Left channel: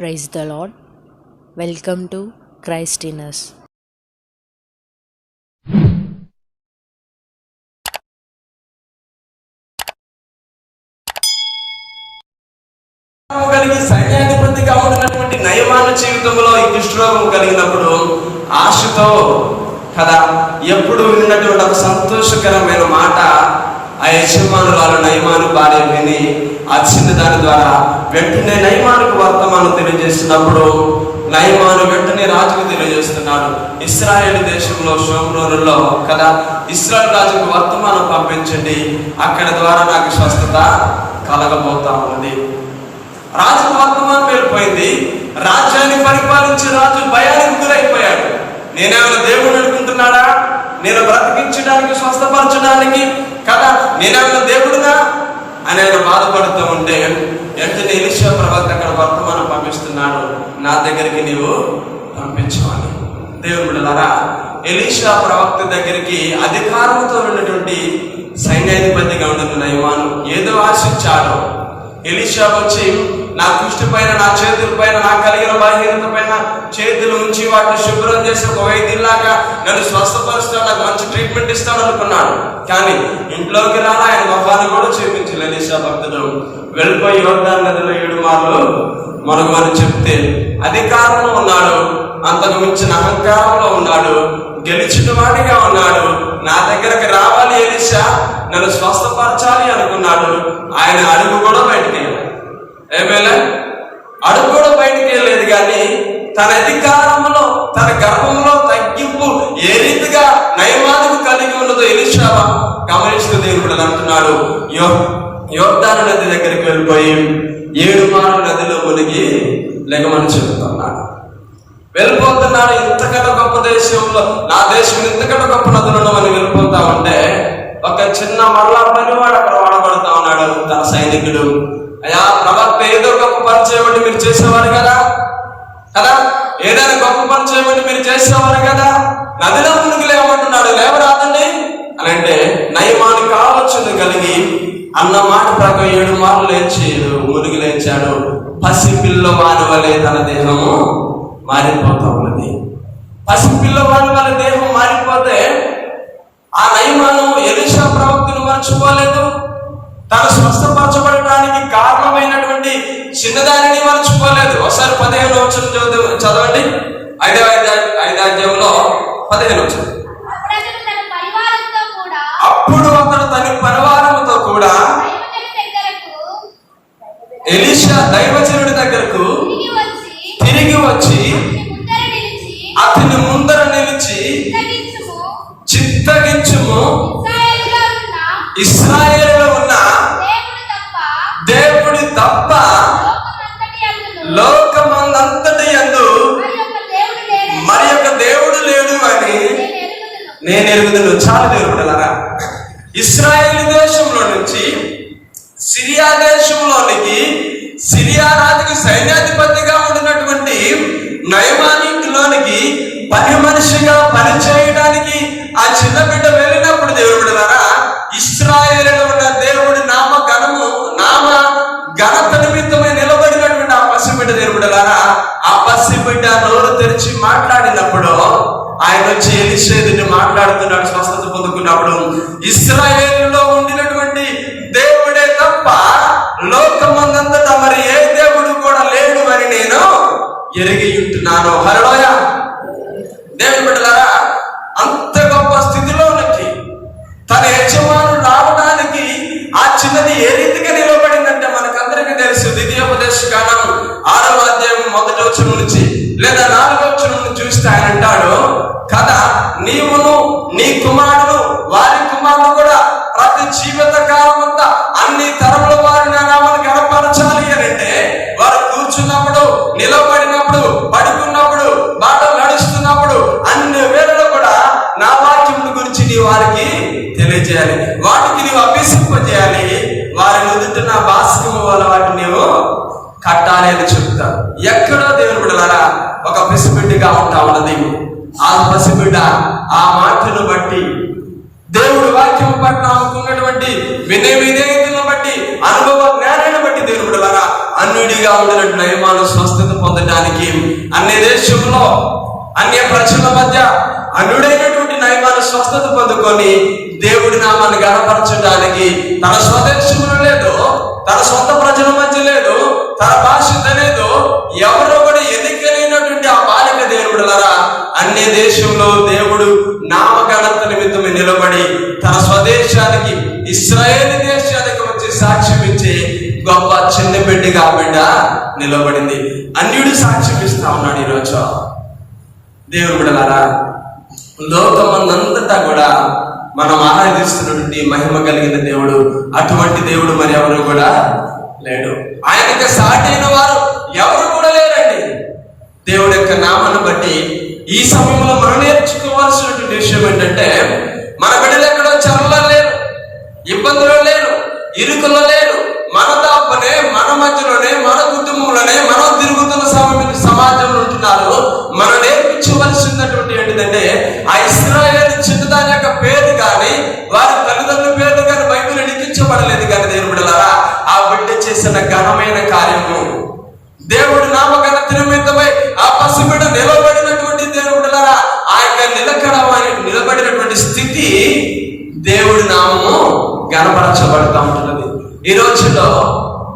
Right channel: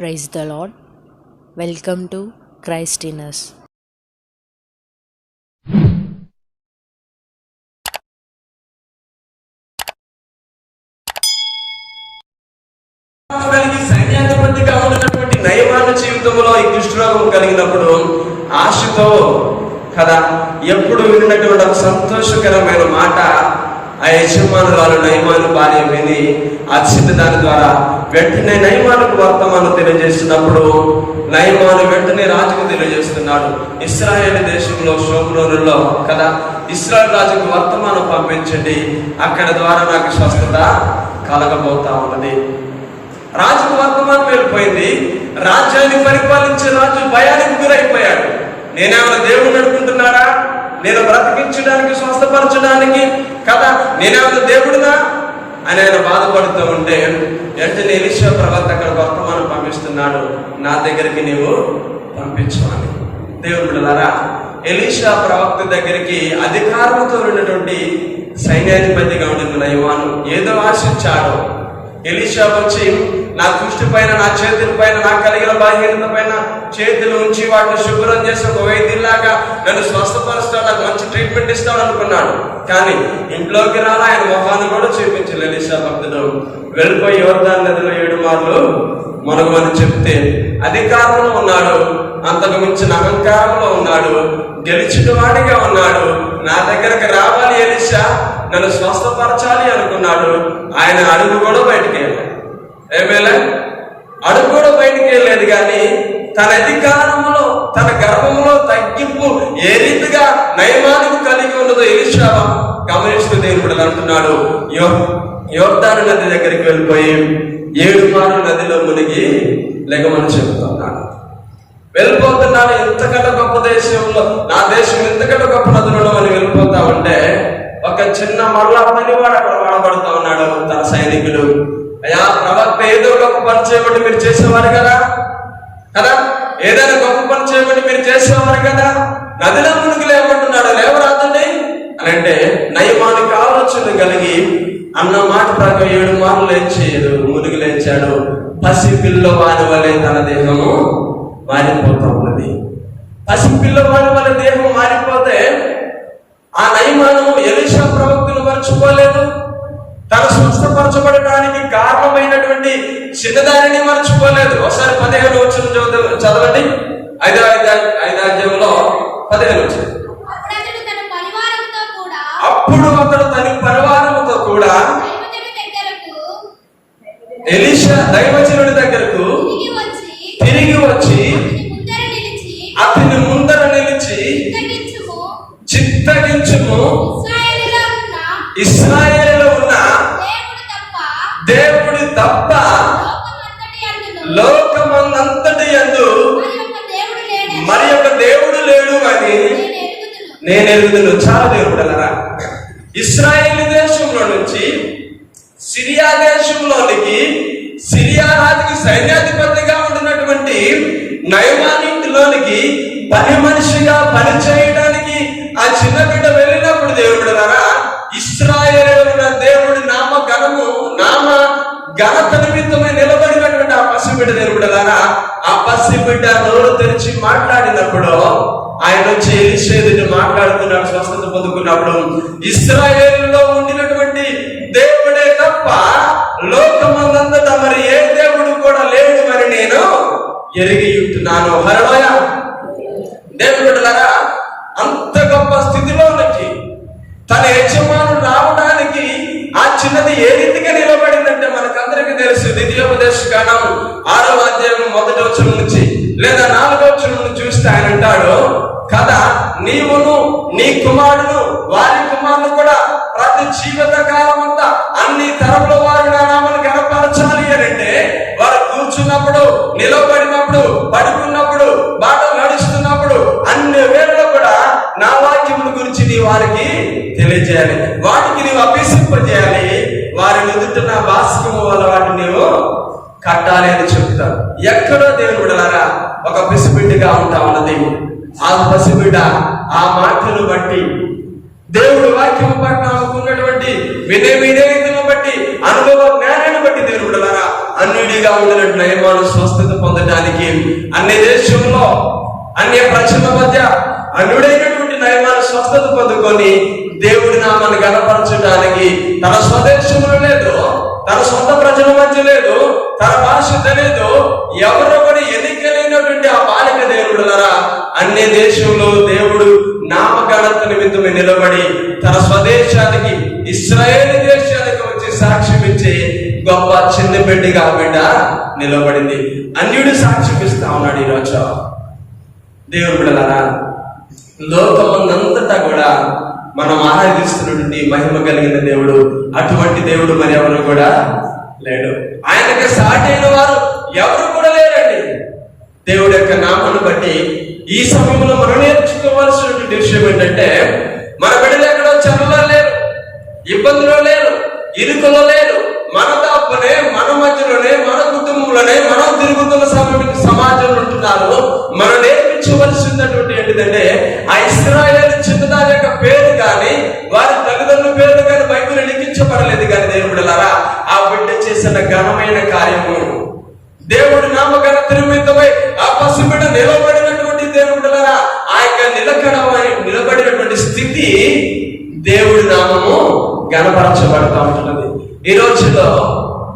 Praise the Lord. Welcome to Christ in us. సైన్యాధిపతిగా ఉన్నటువంటి నయమాన జీవితంలో ఈ కుష్ఠరోగం కలిగినప్పుడు ఆశతో కదా ఎప్పుడు విన్నటువంటి ఒక సంతోషకరమైన మాట ఆ యజమానురాలు నయమాను భార్య విని ఆ చిన్న దాని ద్వారా వెంటనే నయమానుకు వర్తమానం తెలియజేస్తున్నప్పుడు నయమాను వెంటనే రాజుకు తెలియజేస్తున్నాడు. ఇశ్రాయేలు దేశంలో షోమ్రోనులో కదా ఇశ్రాయేలు రాజుకు వర్తమానం పంపించండి, అక్కడ ద్వారా నాకు స్వస్థత కలగబోతా ఉన్నది. రాజుకు వర్తమానం వెళ్ళిపోయింది. రాజ్యాన్ని పరిపాలించే రాజు భయానికి గురైపోయాడు. నేనేమైనా దేవుడిని అనుకుంటున్నాడా? నేను బ్రతికించడానికి స్వస్థపరచడానికి కదా నేనేమైనా దేవుడుగా అని ఆయన బాధపడుతూ ఉంటే వెంటనే ఎలీషా ప్రవక్త అక్కడ వర్తమానం పంపిస్తున్నాడు, నా దగ్గరికి నీవు పంపించవాలి. దేవుని బిడ్డలారా, ఎలీషా ప్రవక్త దగ్గరికి అధికారంతో ఉన్నటువంటి సైన్యాధిపతిగా ఉన్న నయమాను ఏదో ఆశించాడు. ఎలీషా వచ్చి నా దృష్టి పైన, నా చేతుల పైన, నా కలిగిన బలహీనత పైన చేతులు ఉంచి వాటిని శుభ్రం చేసి ఒక వైద్యులాగా నన్ను స్వస్థపరుస్తాడు, నాకు మంచి ట్రీట్మెంట్ ఇస్తాడు అనుకున్నాడు. కానీ ఇంట్లోకి రాలా ఆయన మొహాన్ని కూడా చూపించాలి. ఎలీషా భక్తుడు వెళ్ళిపోయి యోర్దాను నదిలో 7 మార్లు మనమని చెప్తే అధికారంలో ఉన్నాడు, అంతకు మించిన అహంకారంలో ఉన్నాడు, గెలిచిన వాడిగా ఉన్నాడు. నా దగ్గరకు రావాలి ఎలీషా, నన్ను స్వస్థపరచాలి అనుకున్నాడు. ఆయన అడుగు కూడా బయటికి వెళ్ళాడు. ఏమైనా అడుగు కూడా బయటికి వెళ్ళలేదు. కానీ తన అధికారంలో, తన గర్భంలో తగ్గింపు ఏ రీతిగా నయమానుకు కలిగి ఉన్నదో ఎలీషా గమనిస్తూ దేవుడు అంటున్నాడు, యోర్దాను నది దగ్గరికి వెళ్ళిపోయి 7 మార్లు నదిలో మునిగి లెగమని చెబుతున్నాడు. వెళ్ళిపోతున్నాడు. ఇంతకన్నా గొప్ప దేశంలో, నా దేశం ఇంతకన్నా గొప్ప నదులలో అని వెళ్ళిపోతా ఉంటే ఒక చిన్న మరలా పనివాడు అక్కడ వాడబడుతా ఉన్నాడు. తన సైనికుడు, అయ్యా ప్రవక్త ఏదో గొప్ప పని చేయబట్టి మీరు చేసేవారు కదా కదా ఏదైనా గొప్ప పని చేయబట్టి మీరు చేసేవారు కదా, నదిలో మునుగు లేవమంటున్నాడు, లేవరాదండి అని అంటే నయమానికి ఆలోచన కలిగి అన్న మాట ప్రకారం 7 మార్లు లేచి మునిగి లేచాడు. పసిపిల్లవాని వలె తన దేహము మారిపోతా ఉన్నది. పసిపిల్లవాని వలె దేహం మారిపోతే ఆ నయమాను ఎలీషా ప్రవక్తను మర్చిపోలేదు. తను స్వస్థపరచబడడానికి కారణమైనటువంటి చిన్నదానిని మర్చిపోలేదు. ఒకసారి 15వ వచనం చదవండి. 5వ అధ్యాయంలో 15వ వచనం. అప్పుడు అతడు తన పరివారంతో కూడా ఎలీషా దైవజనుడి దగ్గరకు తిరిగి వచ్చి అతని ముందర నిలిచి చిత్తగించుము, ఇశ్రాయేలులో ఉన్న దేవుడి తప్ప లోకమందంతటి యందు మరి యొక్క దేవుడు లేడు అని నేను ఎరుగుదును. చాలా దేవుడులారా, ఇశ్రాయేలు దేశంలో నుంచి సిరియా దేశంలోనికి, సిరియా రాజుకి సైన్యాధిపతిగా ఉండినటువంటి నయమానిలోనికి పని మనిషిగా పని చేయడానికి ఆ చిన్న బిడ్డ వెళ్ళినప్పుడు దేవుడులారా, ఇశ్రాయేలులో ఉన్న దేవుడి నామ ఘనత నిమిత్తమై నిలబడినటువంటి ఆ పసిబిడ్డ దేవుడులారా, ఆ పసిబిడ్డ నోరు తెరిచి మాట్లాడినప్పుడు ఆయన వచ్చి ఎలీషాతో మాట్లాడుతున్నాడు. స్వస్థత పొందుకున్నప్పుడు ఇశ్రాయేలులో ఉండినటువంటి దేవుడే తప్ప లోకమందంతటా మరి ఏ దేవుడు కూడా లేడు అని నేను ఎరిగి ఉంటున్నాను. హల్లెలూయా. దేవుని బిడ్డలారా, అంత గొప్ప స్థితిలోనికి తన యజమానుడు రావడానికి ఆ చిన్నది ఏ రీతిగా నిలబడిందంటే మనకందరికీ తెలుసు. ద్వితీయోపదేశకాండం 6వ అధ్యాయం 1వ వచనం నుంచి లేదా 4వ వచనం నుంచి చూస్తే ఆయన అంటాడు కదా, నీవును నీ కుమారుడు వారి కుమారుడు కూడా ప్రతి జీవిత కాలం అంతా అన్ని తరముల వారి నా నామాన్ని గణపరచాలి అని అంటే వారు కూర్చున్నప్పుడు, నిలబడినప్పుడు, పడుకున్నప్పుడు, బాటలు నడుస్తున్నప్పుడు అన్ని వేళలో కూడా నా వాక్యముల గురించి నీ వారికి తెలియజేయాలి, వాటికి నీవు అభ్యసింపజేయాలి, వారి ఎదుట నా భాస్కము వల్ల వాటిని నీవు కట్టాలి అని చెప్తారు. ఎక్కడో దేవుని బిడ్డలారా ఒక పసిబిడ్డగా ఉంటా ఉన్నది. ఆ పసిబిడ్డ ఆ మాటను బట్టి, దేవుడు వాక్యం పట్ల ఆమెకున్నటువంటి వినయతను బట్టి, అనుభవ జ్ఞానాన్ని బట్టి దేవుని బిడ్డలారా అన్యుడిగా ఉండినట్టు నయమాను స్వస్థత పొందడానికి అన్ని దేశంలో అన్య ప్రజల మధ్య అన్యుడైనటువంటి నయమాను స్వస్థత పొందుకొని దేవుడి నామాన్ని గణపరచడానికి తన స్వదేశంలో లేదు, తన సొంత ప్రజల మధ్య లేడు, తన భాష తెలియదు, ఎవరో కూడా ఎన్నికైనటువంటి ఆ బాలిక దేవుడులరా అన్ని దేశంలో దేవుడు నామఘనత నిమిత్తమే నిలబడి తన స్వదేశానికి ఇశ్రాయేలు దేశానికి వచ్చి సాక్ష్యం ఇచ్చి గొప్ప చిన్న బిడ్డగా బిడ్డ నిలబడింది. అన్యుడు సాక్ష్యం ఇస్తా ఉన్నాడు. ఈరోజు దేవుడు బిడ్డలారా, లోకమందంతటా కూడా మనం ఆరాధిస్తున్నటువంటి మహిమ కలిగిన దేవుడు, అటువంటి దేవుడు మరి ఎవరు కూడా లేడు. ఆయనకి సాటి అయిన వారు ఎవరు కూడా లేరండి. దేవుడి యొక్క నామాన్ని బట్టి ఈ సమయంలో మనం నేర్చుకోవాల్సినటువంటి విషయం ఏంటంటే, మన బిడ్డలు ఎక్కడో చదువులో లేరు, ఇబ్బందులు లేరు, ఇరుకులో లేరు, మన తప్పనే మన మధ్యలోనే మన కుటుంబంలోనే మనం తిరుగుతున్న సమాజంలో ఉంటున్నారు. మనం నేర్పించవలసినటువంటి ఏంటిదంటే, ఆ ఇశ్రాయేలు చిన్నదాని యొక్క పేరు కానీ వారి తల్లిదండ్రుల పేర్లు కానీ బైబిల్ లిఖించబడలేదు. కానీ దేవుడు బిడ్డలారా, ఆ బిడ్డ చేసిన ఘనమైన కార్యము దేవుడి నామఘనత నిమిత్తమై ఆ పసిబిడ్డ నిలబడినటువంటి దేవుడు బిడ్డలారా, ఆ యొక్క నిలబడినటువంటి స్థితి దేవుడి నామము గణపరచబడతా ఉంటున్నది. ఈ రోజుల్లో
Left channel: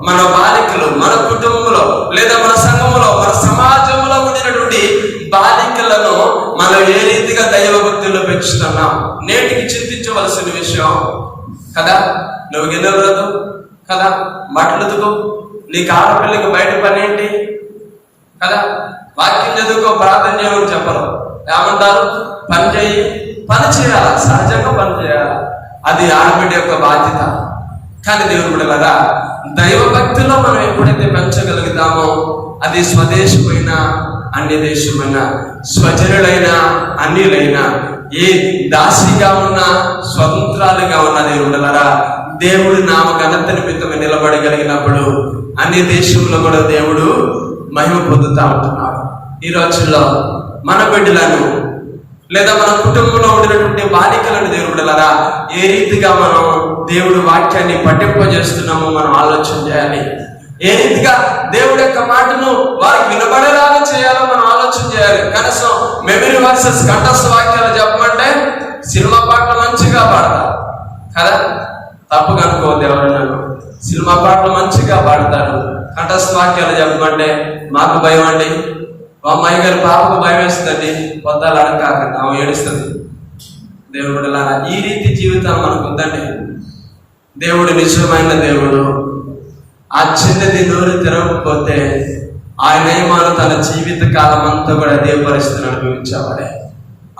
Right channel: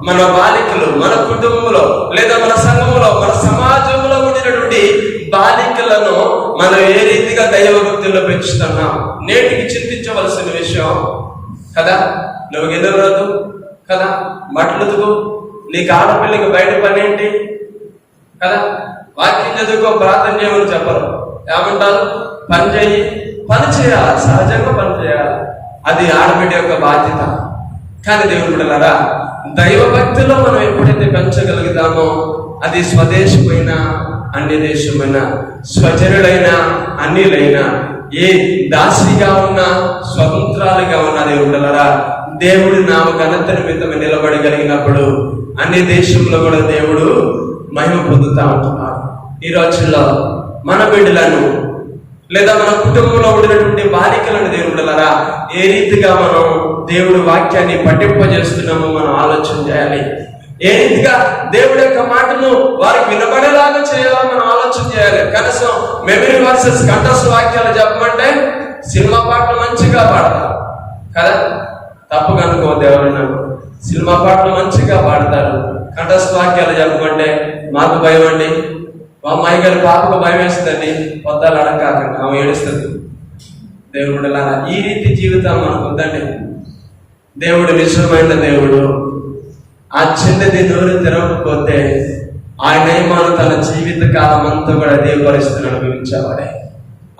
మన బాలికలు మన కుటుంబంలో లేదా మన సంఘంలో మన సమాజంలో ఉండినటువంటి బాలికలను మనం ఏ రీతిగా దైవభక్తుల్లో పెంచుతున్నాం నేటికి చింతించవలసిన విషయం కదా. నువ్వు గిన్నెలదు కదా, మట్లుదుకు, నీకు ఆడపిల్లకి బయట పని ఏంటి కదా, వాక్యం చదువుకో, ప్రార్థన చేయమని చెప్పరు. ఏమంటారు? పని చేయి, పని చేయాలా, సహజంగా పని చేయాలా, అది ఆడబిడ్డ యొక్క బాధ్యత. కానీ దేవుడు బిడ్డలారా, దైవ భక్తిలో మనం ఎప్పుడైతే పెంచగలుగుతామో అది స్వదేశమైనా అన్య దేశమైనా స్వజనులైనా అన్యులైనా ఏ దాసిగా ఉన్నా స్వతంత్రాలుగా ఉన్నా దేవుడు బిడ్డలారా, దేవుడి నామ ఘనత నిమిత్తమే నిలబడగలిగినప్పుడు అన్ని దేశంలో కూడా దేవుడు మహిమ పొందుతా ఉంటున్నాడు. ఈ రోజుల్లో మన బిడ్డలను లేదా మన కుటుంబంలో ఉండినటువంటి బాలికలను దేవుడు బిడ్డలారా ఏ రీతిగా మనం దేవుడి వాక్యాన్ని పట్టింపజేస్తున్నామో మనం ఆలోచన చేయాలి. ఏ రీతిగా దేవుడి యొక్క మాటను వారికి వినబడేలాగా చేయాలో మనం ఆలోచన చేయాలి. కనీసం మెమరీ వర్సెస్ కంఠస్థ వాక్యాలు చెప్పమంటే సినిమా పాటలు మంచిగా పాడతారు కదా, తప్పు కనుక్కోవద్దు ఎవరన్నా. సినిమా పాటలు మంచిగా పాడతారు, కంఠస్థ వాక్యాలు చెప్పమంటే మాకు భయం అండి, మా అమ్మాయి గారి పాపకు భయం వేస్తుందండి, పొద్దాలు అడగకండి, ఆమె ఏడుస్తుంది. దేవుడు బిడ్డలారా, ఈ రీతి జీవితం మనకు ఉందండి. దేవుడు నిజమైన దేవుడు. ఆ చిన్నది నోరు తెరవకపోతే ఆయన నియమాలు తన జీవిత కాలం అంతా కూడా అదే పరిస్థితిని అనుభవించేవాడే.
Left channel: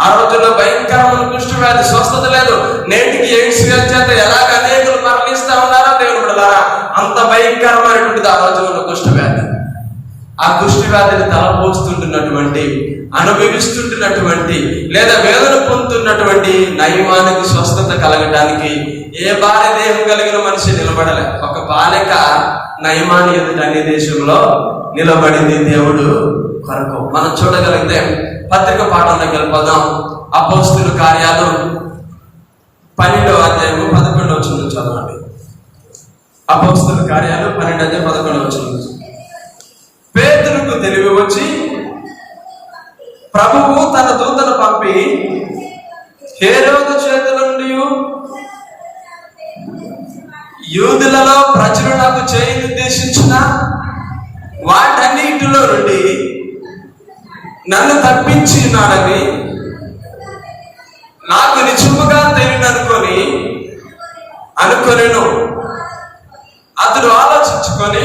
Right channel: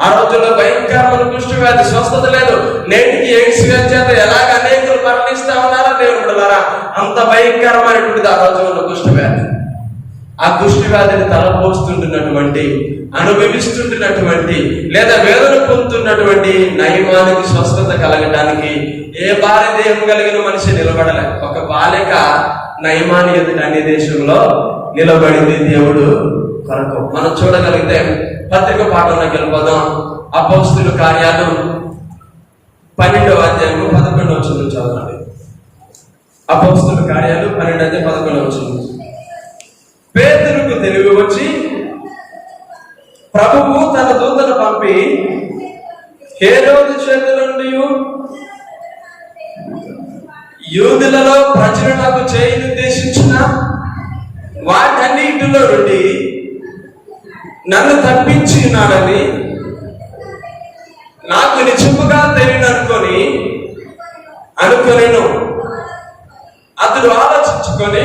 ఆ రోజుల్లో భయంకరమైన కుష్టి వ్యాధి, స్వస్థత లేదు. నేటికి ఎయిడ్స్ వ్యాధి చేత ఎలాగ అనేకులు మరణిస్తా ఉన్నారా దేవుడు బిడ్డలారా, అంత భయంకరమైనటువంటిది ఆ రోజుల్లో కుష్టి వ్యాధి. ఆ కుష్టి వ్యాధిని తలపోస్తుంటున్నటువంటి, అనుభవిస్తుంటున్నటువంటి లేదా వేదన పొందుతున్నటువంటి నయమానికి స్వస్థత కలగడానికి ఏ భార్య దేహం కలిగిన మనిషి నిలబడలే. ఒక బాలిక నయమాని ఎదుట అన్ని దేశంలో నిలబడింది దేవుడు కొరకు. మనం చూడగలిగితే పత్రిక పాఠం దగ్గర పదం అపోస్తుల కార్యాలు 12వ అధ్యాయము 11వ వచనం చదవండి. అపోస్తుల కార్యాలు 12వ అధ్యాయం 11వ వచనం. పేతురుకు తెలివి వచ్చి ప్రభువు తన దూతను పంపి హేరోదు చేతుల నుండి యూదులలో ప్రచురణకు చేయనుద్దేశించిన వాటన్నిటిలో నుండి నన్ను తప్పించినాడని నాకు నిజముగా అనుకొనెను. అతడు ఆలోచించుకొని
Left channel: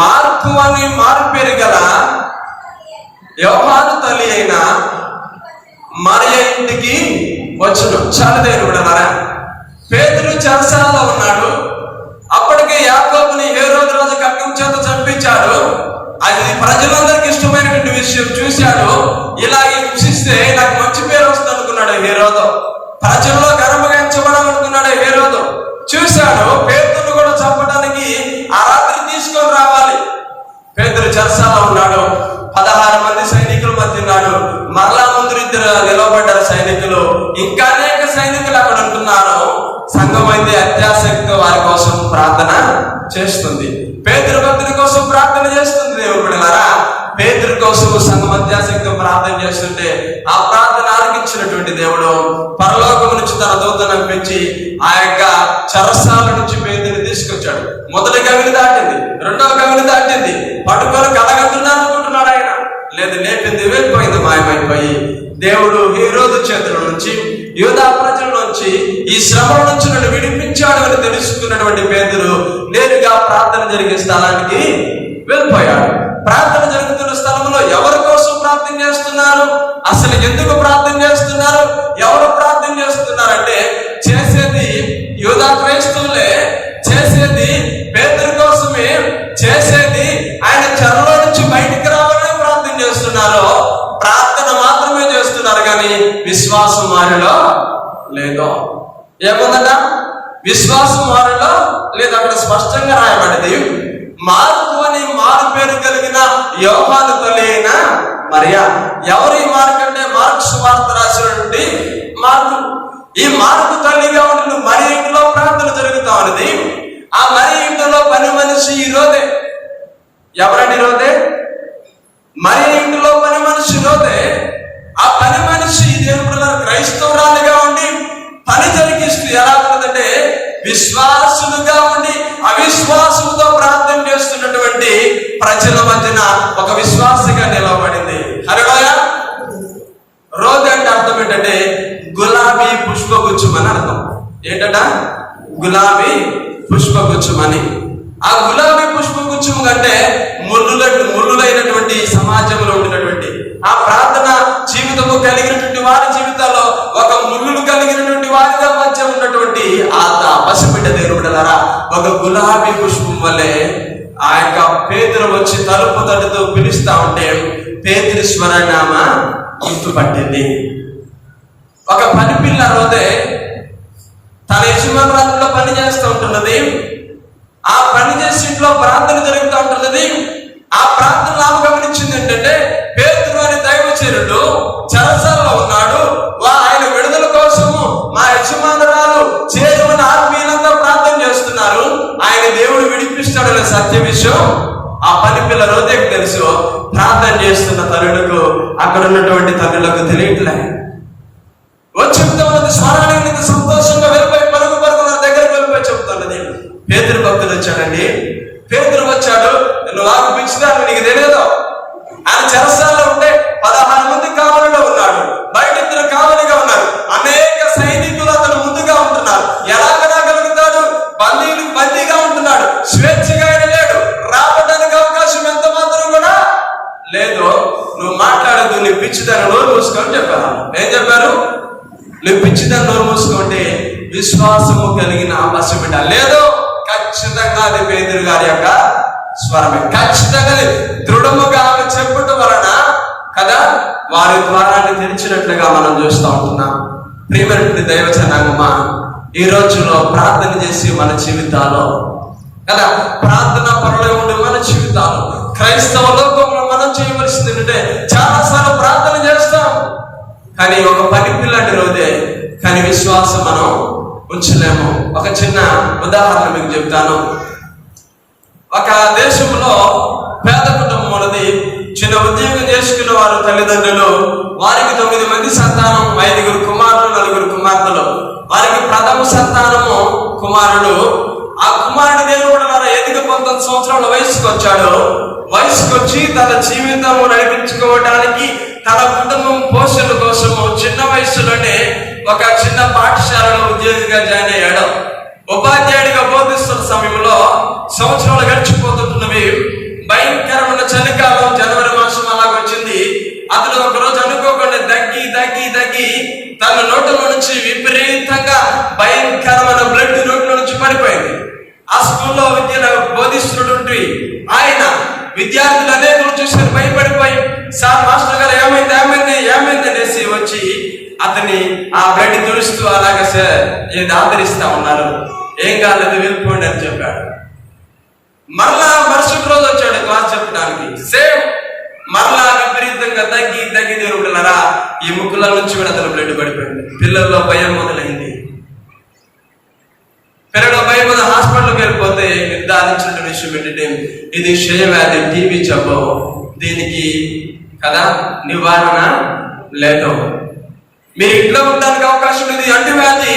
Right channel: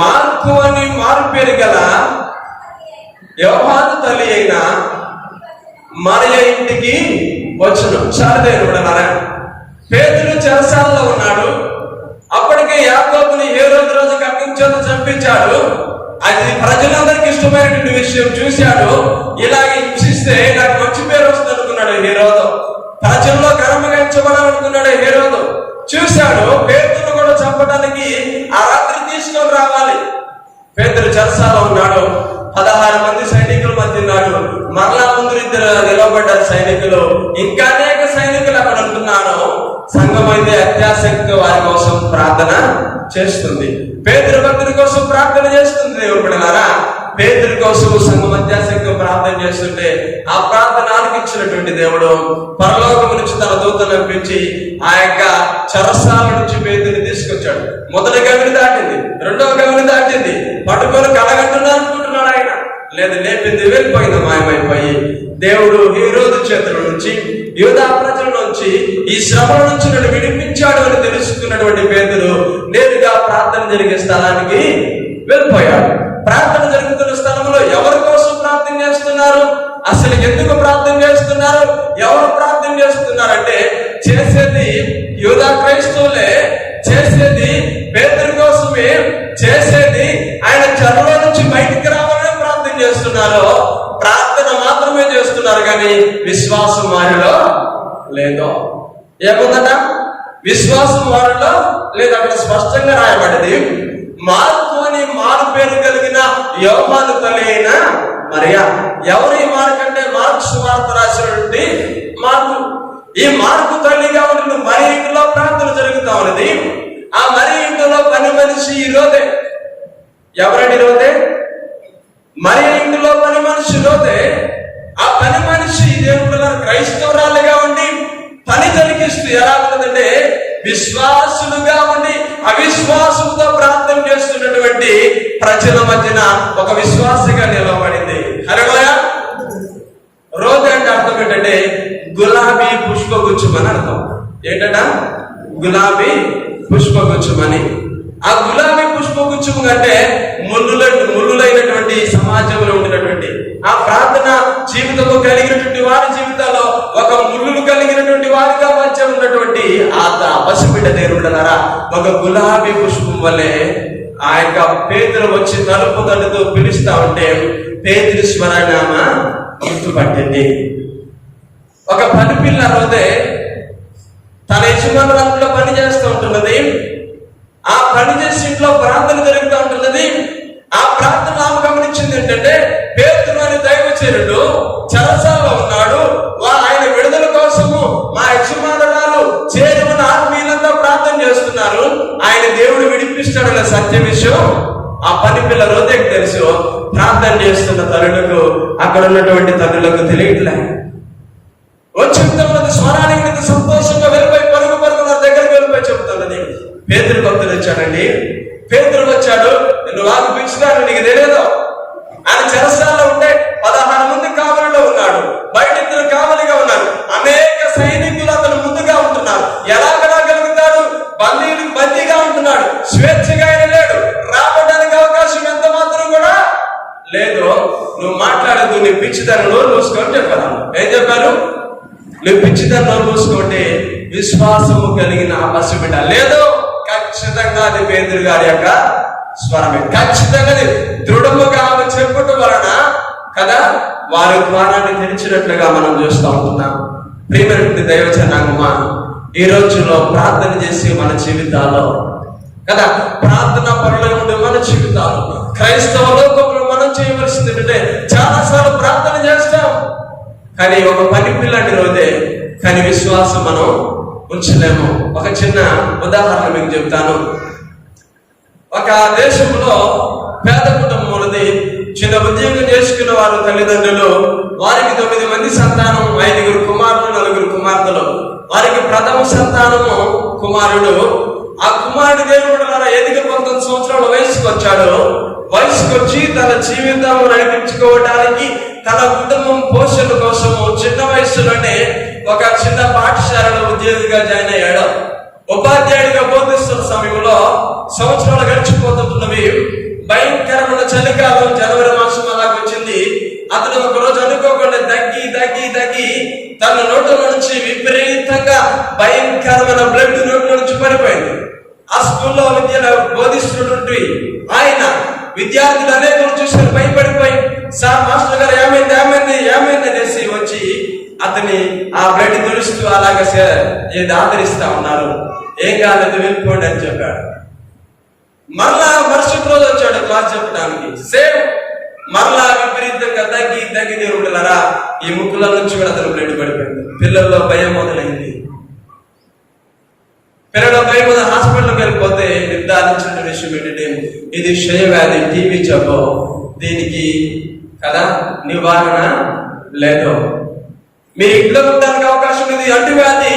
మార్కు అని మారు పేరు గల యోహాను తల్లి అయిన మరియ ఇంటికి వచ్చును. చాలా దేవుడు అన్నారా. పేతురు చెరసాలలో ఉన్నాడు. అప్పటికే యాకోబుని హేరోదు రోజు ఖడ్గం చేత చంపించాడు. అది ప్రజలందరికీ ఇష్టమైనటువంటి విషయం. చూశాడు, ఇలాగే హింసిస్తే నాకు మంచి పేరు వస్తుంది అనుకున్నాడు హేరోదు. ప్రజల్లో గర్వగించబడాలనుకున్నాడు హేరోదు. చూశాడు, పేతురును కూడా చంపడానికి ఆ రాత్రి తీసుకొని రావాలి. పేతురు చెరసాలలో ఉన్నాడు. 16 మంది సైనికుల మధ్య తిన్నాడు. మరలా ముందు ఇద్దరు నిలవబడ్డారు సైనికులు. ఇంకా అనేక సైనికులు అక్కడ ఉంటున్నారు. సంఘం అయితే అత్యాసక్తితో వారి కోసం ప్రార్థన చేస్తుంది. పేతురు భక్తుడి కోసం ప్రార్థన చేస్తుంది. దేవుడు బిడ్డలారా, పేతురు కోసం సంఘం అత్యాసక్తితో ప్రార్థన చేస్తుంటే ఆ ప్రార్థన ఆలకించినటువంటి దేవుడు పరలోకము నుంచి తన దూతను పంపించి ఆ యొక్క చెరసాల నుంచి పేతురుని తీసుకొచ్చాడు. మొదటి గవిని దాటింది, రెండవ గవిని దాటింది, పట్టుకొని కడగంటున్నాను అనుకుంటున్నాడు ఆయన. లేదు, లేపింది వెళ్ళిపోయింది, మాయమైపోయి. దేవుడు హేరోదు చేతుల నుంచి, యూదా ప్రజల నుంచి, ఈ శ్రమల నుంచి నన్ను విడిపించాడు అని తెలుసుకున్నటువంటి పేతురు నేరుగా ప్రార్థన జరిగే స్థలానికి వెళ్ళిపోయాడు. ప్రార్థన జరుగుతున్న స్థలంలో ఎవరి కోసం ప్రార్థన చేస్తున్నారు, అసలు ఎందుకు ప్రార్థన చేస్తున్నారు, ఎవరు ప్రార్థన చేస్తున్నారంటే చేసేది యూదా క్రైస్తవులే, చేసేది పేతురు కోసమే, చేసేది ఆయన చెరలో నుంచి బయటికి రావాలని ప్రార్థన చేస్తున్నారు. ప్రార్థన మాత్రమే చేస్తున్నారు కానీ విశ్వాసం వారిలో లేదు. ఏముందట? విశ్వాసం వారిలో లేదు. అక్కడ స్పష్టంగా రాయబడింది, మార్కు అని మారు పేరు కలిగిన యోహాను తల్లి అయిన మరియా. ఎవరు ఈ మార్కు అంటే మార్కు సువార్త రాసినటువంటి మార్కు. ఈ మార్కు తల్లిగా ఉంటున్న మరి ఇంటిలో ప్రార్థన జరుగుతా ఉన్నది. ఆ మరి ఇంటిలో పని మనిషి ఈ రోజే. ఎవరండి రోజే? మరి ఇంటిలో పని మనిషి రోజే. ఆ పని మనిషి దేవుడు క్రైస్తవురాలుగా ఉండి పని జరిగిస్తూ ఎలా ఉంటుందంటే విశ్వాసులుగా ఉండి అవిశ్వాసంతో ప్రార్థన చేస్తున్నటువంటి ప్రజల మధ్యన ఒక విశ్వాసగా నిలవబడింది. హల్లెలూయా. రోజు అంటే అర్థం ఏంటంటే గులాబీ పుష్పగుచ్చమని అర్థం. ఏంటట? గులాబీ పుష్పగుచ్చమని. ఆ గులాబీ పుష్పగుచ్చము కంటే ముళ్ళులైనటువంటి సమాజంలో ఉండినటువంటి ఆ ప్రార్థన జీవితము కలిగినటువంటి వారి జీవితాల్లో ఒక ముళ్ళులు కలిగినటువంటి వారిగా మధ్య ఉన్నటువంటి ఆ పసిబిడ్డ దేవుడలారా ఒక గులాబీ పుష్పం వల్లే ఆ యొక్క పేతురు వచ్చి తలుపు తడుతూ పిలుస్తా ఉంటే పేతురు స్వరనామ గుర్తుపట్టింది. ఒక పని పిల్ల రోజే తన యజమానురాలులో పని చేస్తూ ఉంటున్నది. ఆ పని చేసి ఇంట్లో ప్రార్థన జరుగుతూ ఉంటున్నది. ఆ ప్రార్థన ఆమె గమనించింది ఏంటంటే పేతురు అనే దైవచరుడు చెరసాలలో ఉన్నాడు. ఆయన విడుదల కోసము మా యజమానురాలు చేరమని ఆత్మీయులంతా ప్రార్థన చేస్తున్నారు. ఆయన దేవుడు విడిపిస్తాడనే సత్య విషయం ఆ పని పిల్ల రోజేకి తెలుసు. ప్రార్థన చేస్తున్న తల్లులకు అక్కడ ఉన్నటువంటి తల్లులకు తెలియట్లే. వచ్చిన స్వరానికి సంతోషంగా వెళ్ళిపోయి పరుగు దగ్గరికి వెళ్ళిపోయి చెబుతున్నది. పేతురు భక్తుడు వచ్చాడండి. పేతురు వచ్చాడు, నువ్వు నాకు పిచ్చిదాన్ని, నీకు తెలియదు. ఆయన చెరసాలలో ఉంటే 16 మంది కావలిలో ఉన్నాడు, బయట 2 కావలిగా ఉన్నారు. అనేక సైనికులు అతను ముందుగా ఉంటున్నారు. ఎలా రాగలుగుతాడు? బందీగా ఉంటున్నాడు. స్వేచ్ఛగా ఆయన లేడు. రావడానికి అవకాశం ఎంత మాత్రం కూడా లేదు. నువ్వు మాట్లాడదు, నీ పిచ్చిదాన్ని నోరు మూసుకొని చెప్పాను. ఏం చెప్పారు? నువ్వు పిచ్చిదాన్ని నోరు మూసుకుంటే విశ్వాసము కలిగిన ఆ పసిబిడ్డ లేదు. ఖచ్చితంగా అది పేతురు గారి యొక్క స్వరమే. ఖచ్చితంగా దృఢముగా ఆమె చెప్పటం వలన కదా వారి ద్వారాన్ని తెరిచినట్లుగా మనం చూస్తూ ఉంటున్నాం. ప్రియమైనటువంటి దైవజనాంగమా, ఈ రోజుల్లో ప్రార్థన చేసి మన జీవితాల్లో కదా ప్రార్థన పరులై ఉండే మన జీవితాలు క్రైస్తవ లోకంలో మనం చేయవలసింది ఏంటంటే చాలాసార్లు ప్రార్థన చేస్తాం కానీ ఒక పని పిల్లాంటి రోజే, కానీ విశ్వాసం మనం ఉంచలేము. ఒక చిన్న ఉదాహరణ మీకు చెప్తాను. ఒక దేశంలో పేద కుటుంబం ఉన్నది. చిన్న ఉద్యోగం చేసుకున్న వారు తల్లిదండ్రులు. వారికి 9 మంది సంతానం, 5 కుమారులు, 4 కుమార్తెలు. వారికి ప్రథమ సంతానము కుమారుడు. ఆ కుమారుడు దేవుడు ఎదిగి 19 సంవత్సరాల వయసుకు వచ్చాడు. వయసుకు వచ్చి తన జీవితం నడిపించుకోవడానికి, తన కుటుంబం పోషణ కోసము చిన్న వయసులోనే ఒక చిన్న పాఠశాలలో ఉద్యోగిగా జాయిన్ అయ్యాడు. ఉపాధ్యాయుడిగా బోధిస్తున్న సమయంలో సంవత్సరాలు గడిచిపోతున్నవి. భయంకరమైన చలికాలం జనవరి మాసం అలాగ వచ్చింది. అతను ఒకరోజు అనుకోకుండా దగ్గి తన నోట్లో నుంచి విపరీతంగా భయంకరమైన బ్లడ్ నోట్లో నుంచి పడిపోయింది. ఆ స్కూల్లో విద్యను బోధిస్తున్నటువంటి ఆయన విద్యార్థులు అనేక చూసి భయపడిపోయి, సార్ మాస్టర్ గారు ఏమైంది అనేసి వచ్చి అతని ఆ బ్లడ్ తుడుస్తూ అలాగే ఆదరిస్తా ఉన్నారు. ఏం కాలేదు, వెళ్ళిపోండి అని చెప్పాడు. మరలా మరుసటి రోజు వచ్చాడు క్లాస్ చెప్పడానికి. సేమ్ మరలా విపరీతంగా నెమ్మదిగా తగ్గి దేవుడులారా ఈ ముక్కుల నుంచి కూడా అతను బ్లడ్ పడిపోయింది. పిల్లల్లో భయం మొదలైంది. పిల్లల భయం మీద హాస్పిటల్కి వెళ్ళిపోతే నిర్ధారించిన విషయం ఏంటంటే ఇది క్షయవ్యాధి, టీబీ జబ్బు, దీనికి కదా నివారణ లేదు. మీరు ఇంట్లో ఉండడానికి అవకాశం లేదు. అంటువ్యాధి,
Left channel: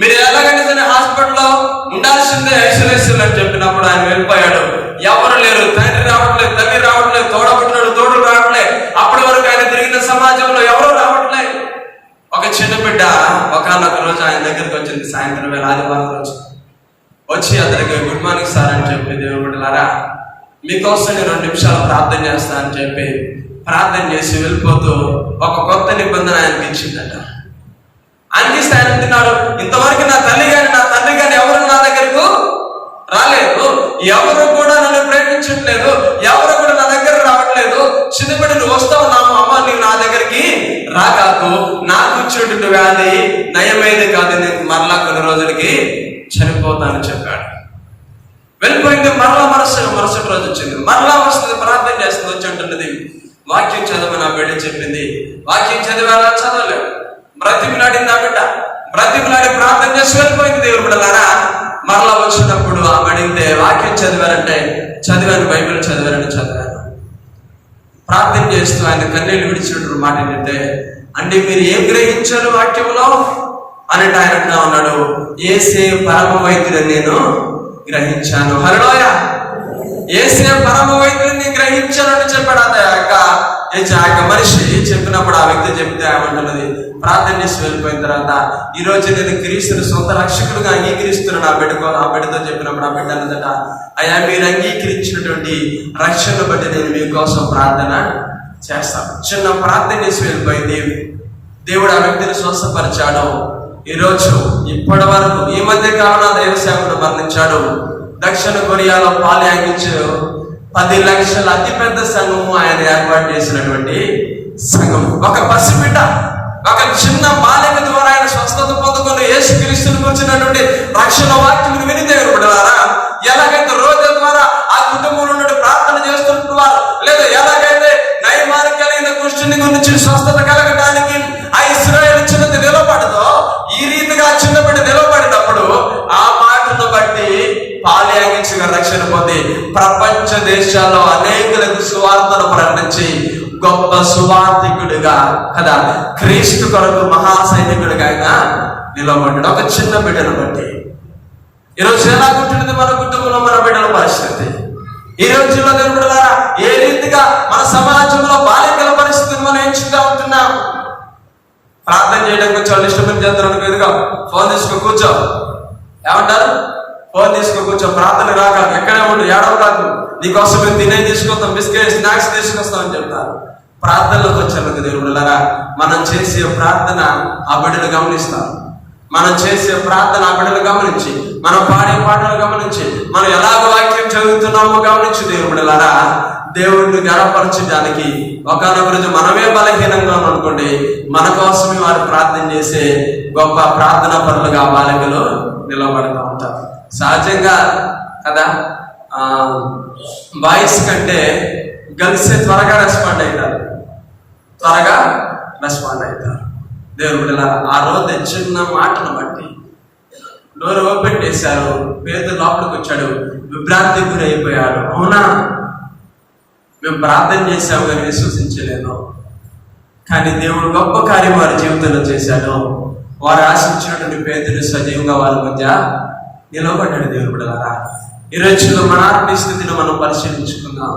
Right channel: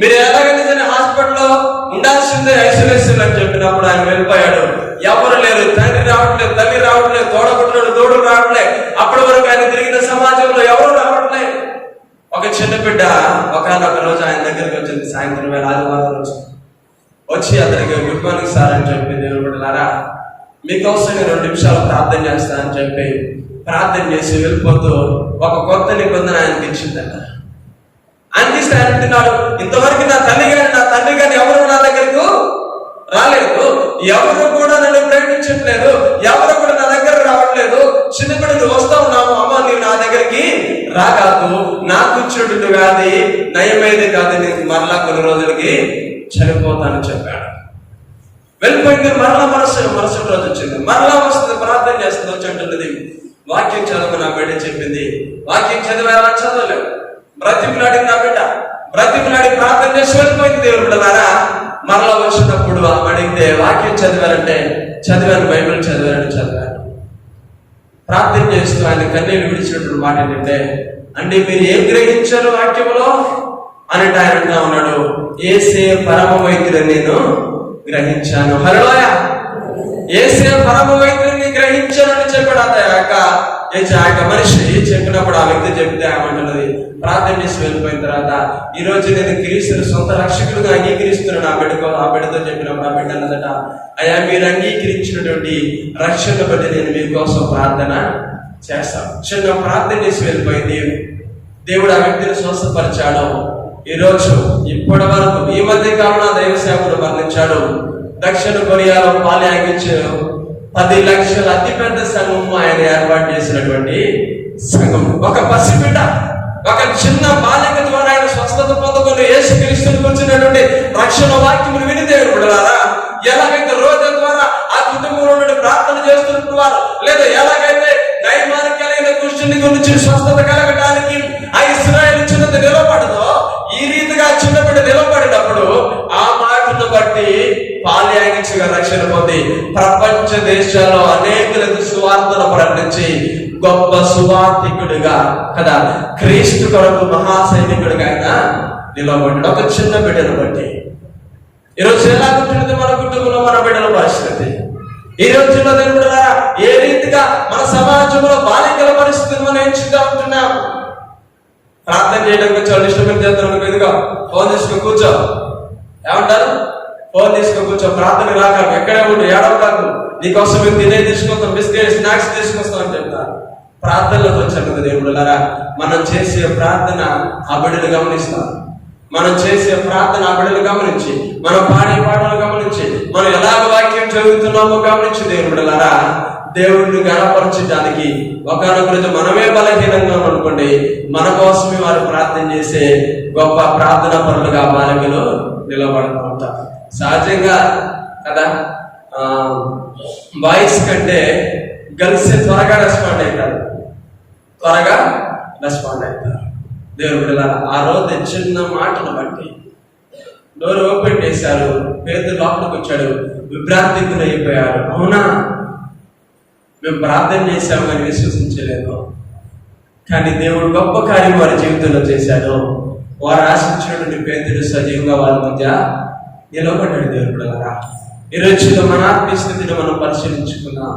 మీరు ఎలాగైనా సరే హాస్పిటల్లో ఉండాల్సిందే ఐసోలేషన్ అని చెప్పినప్పుడు ఆయన వెళ్ళిపోయాడు. ఎవరు లేరు, తండ్రి రావట్లేదు, తల్లి రావట్లేదు, తోడు రావట్లేదు. అప్పటి వరకు ఆయన తిరిగిన సమాజంలో ఎవరు రావట్లేదు. ఒక చిన్న బిడ్డ ఒకనొక రోజు ఆయన దగ్గరికి వచ్చింది. సాయంత్రం వేళ ఆదివారం రోజు వచ్చి అతనికి గుడ్ మార్నింగ్ సార్ అని చెప్పి, దేవుడు బిడ్డలారా మీకోసం 2 నిమిషాలు ప్రార్థన చేస్తా అని చెప్పి ప్రార్థన చేసి వెళ్ళిపోతూ ఒక కొత్త నిబంధన ఆయనకి ఇచ్చిందట. అందిస్తే ఆయన అంటున్నాడు, ఇంతవరకు నా తండ్రి కానీ ఎవరు నా దగ్గరకు రాలేదు, ఎవరు కూడా నన్ను ప్రేమించట్లేదు, ఎవరు కూడా నా దగ్గర రావట్లేదు. చిన్నపిడ్డ నువ్వు వస్తా ఉన్నావు, అమ్మ నీవు నా దగ్గరికి రాకాకు, నాకు చెడు వ్యాధి నయమైంది కాదు, నేను మరలా కొన్ని రోజులకి చనిపోతానని చెప్పాడు. వెళ్ళిపోయింది. మరుసటి రోజు వచ్చింది. మరలా వస్తుంది, ప్రార్థన చేస్తుంది. వచ్చి అంటున్నది, వాక్యం చదవ నా బిడ్డ చెప్పింది. వాక్యం చదివేలా చదవలేడు. బ్రతిమిలాడి నా బిడ్డ బ్రతిమిలాడి ప్రార్థన చేసి వెళ్ళిపోయింది. దేవుడు బిడ్డలారా మరలా వచ్చినప్పుడు ఆమె అడిగితే వాక్యం చదివారంటే చదివాను, బైబిల్ చదివాను. ప్రార్థన చేస్తూ ఆయన కన్నీళ్ళు విడిచినట్టు మాట ఏంటంటే, అంటే మీరు ఏం గ్రహించారు వాక్యంలో అని ఆయన అంటా ఉన్నాడు, యేసే పరమ వైద్యుని నేను గ్రహించాను. హల్లెలూయా. యేసే పరమ వైద్యుని గ్రహించానని చెప్పాడు. ఆ యొక్క మనిషి చెప్పినప్పుడు ఆ వ్యక్తి చెప్తే ఏమంటున్నది, ప్రార్థన చేసి వెళ్ళిపోయిన తర్వాత ఈ రోజు నేను క్రీస్తుని సొంత రక్షకుడుగా అంగీకరిస్తున్నాను ఆ బిడ్డతో చెప్పినప్పుడు ఆ బిడ్డ అన్నదట, అయ్యా మీరు అంగీకరించినటువంటి రక్షణ బట్టి నేను మీకోసం ప్రార్థన చేస్తాను. చిన్న ప్రార్థన చేసి వెళ్ళిపోయింది. దేవుడు ఆ వ్యక్తిని స్వస్థపరిచాడు. ఈరోజు ఇప్పటి వరకు ఈ మధ్య కాలంలో దైవ సేవకుడు మరణించాడు. దక్షిణ కొరియాలో పాలయాగించే 10 లక్షల అతిపెద్ద సంఘము ఆయన ఏర్పాటు చేసినటువంటి సంఘం. ఒక పసిబిడ్డ, ఒక చిన్న బాలిక ద్వారా ఆయన స్వస్థత పొందుకొని యేసుక్రీస్తుని కూర్చున్నటువంటి రక్షణ వాక్యం విని దేవుడు బిడ్డలారా, ఎలాగైతే రోజు ద్వారా ఆ కుటుంబంలో నుండి ప్రార్థన చేస్తుంటున్నారు, లేదా ఎలాగైతే నైమానికైన దృష్టిని గురించి స్వస్థత కలగడానికి ఆ ఇశ్రాయేలు చిన్నది నిలబడదో, ఈ రీతిగా చిన్న బిడ్డ నిలబడినప్పుడు ఆ మాటను బట్టి పాలయాగించగా రక్షణ పొంది ప్రపంచ దేశాల్లో అనేకులకు సువార్తను ప్రకటించి గొప్ప సువార్థికుడిగా కదా క్రీస్తు కొరకు మహాసైనికుడిగా ఆయన నిలబడ్డాడు. ఒక చిన్న బిడ్డను బట్టి ఈరోజు ఎలా కూర్చుంటుంది మన కుటుంబంలో మన బిడ్డల పరిస్థితి. ఈ రోజుల్లో దేవుడులారా ఏ రీతిగా మన సమాజంలో బాలికల పరిస్థితిని మనం ఎంచుగా ఉంటున్నాం. ప్రార్థన చేయడానికి వచ్చి ఇష్టమైన చేస్తాను, ఎదుగా ఫోన్ తీసుకో కూర్చో, ఏమంటారు, ఫోన్ తీసుకో కూర్చో, ప్రార్థన రాక ఎక్కడే ఉండు, ఏడవ కాదు, నీకోసం మేము తినే తీసుకొస్తాం, బిస్కెట్ స్నాక్స్ తీసుకొస్తామని చెప్తారు. ప్రార్థనలోకి వచ్చాను దేవుడులారా, మనం చేసే ప్రార్థన ఆ బిడ్డలు గమనిస్తారు. మనం చేసే ప్రార్థన ఆ బిడ్డలు గమనించి, మనం పాడే పాటలు గమనించి, మనం ఎలాగ వాక్యం చదువుతున్నామో గమనించి దేవుడులారా దేవుడిని గణపరచడానికి ఒకనొక రోజు మనమే బలహీనంగా అనుకోండి, మన కోసమే వారు ప్రార్థన చేసే గొప్ప ప్రార్థన పనులుగా బాలికలు నిలబడుతూ ఉంటారు. సహజంగా కదా బాయ్స్ కంటే గర్ల్స్ త్వరగా రెస్పాండ్ అవుతారు. దేవుడు బిడ్డలారా ఆ రోజు చిన్న మాటను బట్టి డోర్ ఓపెన్ చేశారు, పేదలు లోపలికి వచ్చాడు, విభ్రాంతికి గురైపోయాడు. అవునా, మేము ప్రార్థన చేశాము కానీ విశ్వసించలేదు, కానీ దేవుడు గొప్ప కార్యం వారి జీవితంలో చేశాడు. వారు ఆశించినటువంటి పేదలు సజీవంగా వాళ్ళ మధ్య నిలబడ్డాడు. దేవుడు బిడ్డలారా ఈ రోజుల్లో మన ఆత్మీయ స్థితిని మనం పరిశీలించుకుందాం.